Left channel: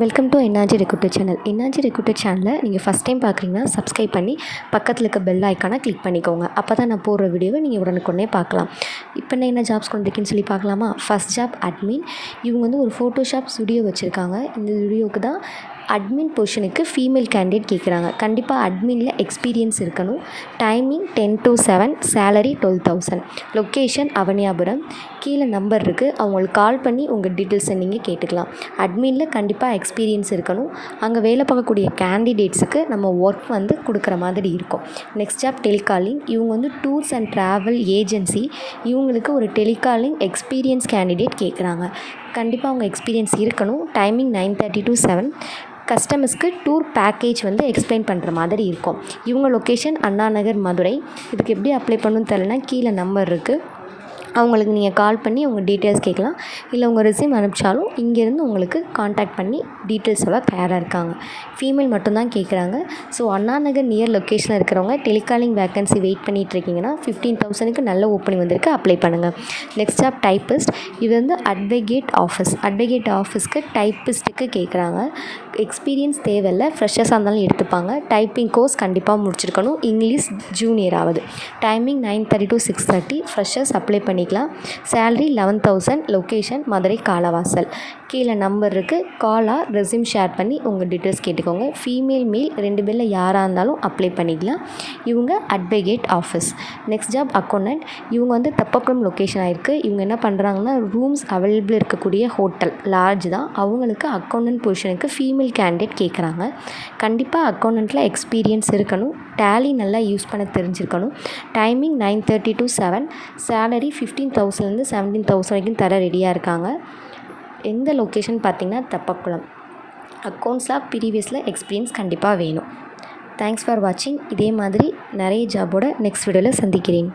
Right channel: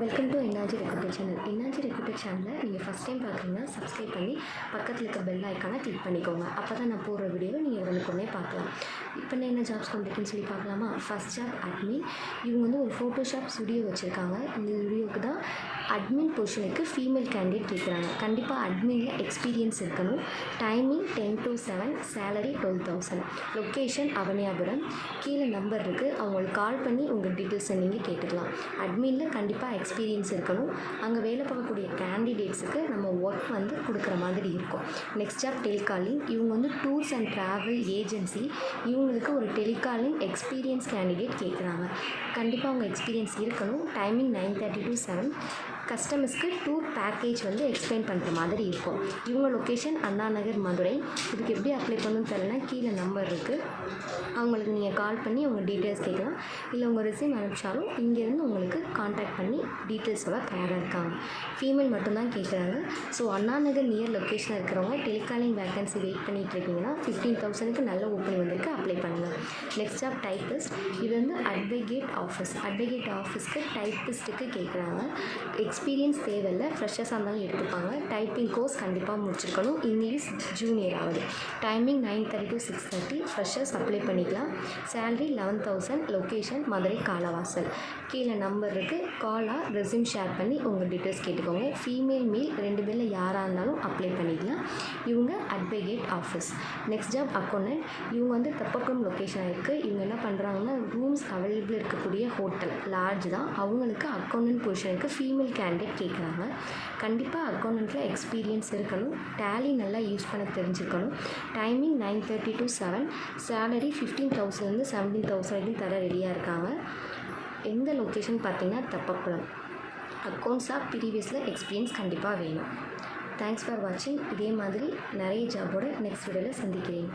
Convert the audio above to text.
Welcome to NRG recruiter channel. NRG recruiter சேனலை நீங்கள் first time பார்க்குறீங்கன்னா சப்ஸ்கிரைப் பண்ணி பக்கத்தில் இருக்க பெல் ஐக்கானை கிளிக் பண்ணிக்கோங்க. அப்போ தான் நான் போடுற வீடியோவை நீங்கள் உடனுக்குடனே பார்க்கலாம். இப்போ என்ன ஜாப்ஸ் கொண்டிருக்குன்னு சொல்லி பார்க்கலாமா? First job admin. இவங்க ஒரு ஃபோட்டோஷாப் ஸ்டுடியோ வச்சுருக்காங்க. இந்த ஸ்டுடியோவுக்கு தான் அட்மின் பொசிஷனுக்கு ஃபீமேல் கேண்டிடேட் கேட்குறாங்க. கண்டிப்பாக அட்மினில் எக்ஸ்பீரியன்ஸ் இருக்கணும். Timing 10 to 7, salary 12,000. Location Avaniyapuram. கீழே நம்பர் இருக்குது, அவங்களுக்கு கால் பண்ணி உங்கள் டீட்டெயில்ஸை நீங்கள் கேட்டுக்கலாம். அட்மினில் கண்டிப்பாக எக்ஸ்பீரியன்ஸ் இருக்கணும். அங்கே வேலை பார்க்கக்கூடிய கேண்டிடேட்ஸுக்கு நம்ம ஒர்க் கொடுக்குற மாதிரி இருக்கும். Next job telecalling. இவங்க டூர்ஸ் அண்ட் ட்ராவல் ஏஜென்சி. இவங்களுக்கு ஒரு டெலிகாலிங் எக்ஸ்பீரியன்ஸ் கேண்டிடேட் கேட்குறாங்க. கண்டிப்பாக அவங்க எக்ஸ்பீரியன்ஸ் இருக்கணும். Timing 9:30 to 7. கஸ்டமர்ஸ்க்கு டூர் பேக்கேஜ் எக்ஸ்பிளைன் பண்ணுற மாதிரி இருக்கும். இவங்க லொக்கேஷன் அண்ணா நகர், மதுரை. இதுக்கு எப்படி அப்ளை பண்ணணும்னு தெரியலனா கீழே நம்பர் இருக்குது, அவங்களுக்கு நீங்கள் கால் பண்ணி உங்கள் டீட்டெயில்ஸ் கேட்கலாம். இல்லை உங்கள் ரெஸ்யூம் அனுப்பிச்சாலும் இங்கேருந்து உங்களுக்கு காண்டாக்ட் பண்ணி டீட்டெயில்ஸ் எல்லாம் தயாராக இருக்காங்க. ஃபீமேல் மட்டும்தான் கேட்குறாங்க. ஸோ அண்ணா நகர் நியர் லொக்கேஷனில் இருக்கிறவங்க டெலிகாலிங் வேக்கன்சி வெயிட் பண்ணிகிட்டு இருக்கீங்கன்னா 15,000க்கு நல்ல ஓப்பனிங் வந்திருக்கு, அப்ளை பண்ணுங்கள். Next job typist. இது அட்வொகேட் ஆஃபீஸ். அட்வொகேட் ஆஃபீஸ்க்கு டைப்பிஸ்ட்டுக்கு கேட்குறாங்க. எக்ஸ்பீரியன்ஸ் தேவையில்லை, ஃப்ரெஷர்ஸாக இருந்தாலும் எடுத்துப்பாங்க. டைப்பிங் கோர்ஸ் கண்டிப்பாக முடிச்சிருக்கணும். இங்கிலீஷ் ஜூனியர் ஆகுது. Timing 9:30 to 6:30. ஃப்ரெஷர்ஸ் அப்ளை பண்ணிக்கலாம். சேலரி 11,000. லொக்கேஷன் மதுரை காலவாசல். கீழே நம்பர் இருக்குது, காலாக ரெஸ்யூம் ஷேர் பண்ணி உங்கள் டீட்டெயில்ஸ் கேட்டுக்கோங்க. ஃபீமேல் மேல் 2 பேரில் யாராக இருந்தாலும் அப்ளை பண்ணிக்கலாம். இவங்க advocate office. Next job accountant. இவங்க தப்பக்குளம் லொக்கேஷன் ஆகிருக்கு. இவங்க என்ன பண்ணுறாங்கன்னா ரூம்ஸ் அவைலபிள் இருக்கக்கூடிய ஹோட்டல் லாட்ஜ் தான். அவங்களுக்கு அக்கௌண்டன்ட் பொசிஷனுக்கு ஃபீமேல் கேண்டிடேட் கேட்குறாங்க. கண்டிப்பாக அக்கௌண்டண்ட்டில் எக்ஸ்பீரியன்ஸ் இருக்கணும். டேலி நல்லா யூஸ் பண்ண தெரிஞ்சிருக்கணும். Timing 9:30 to 7. சேலரி 15,000லேருந்து 17,000 வரைக்கும் தர ரெடியாக இருக்காங்க. எந்த லொக்கேஷன் பார்த்திங்கன்னா தப்பக்குளம். அக்கௌண்ட்ஸாக ப்ரீவியஸில் எக்ஸ்பீரியன்ஸ் கண்டிப்பாக வேணும். தேங்க்ஸ் ஃபார் வாட்சிங். இதே மாதிரி நிறைய ஜாபோட நெக்ஸ்ட் வீடியோவில் சந்திக்கிறேன்.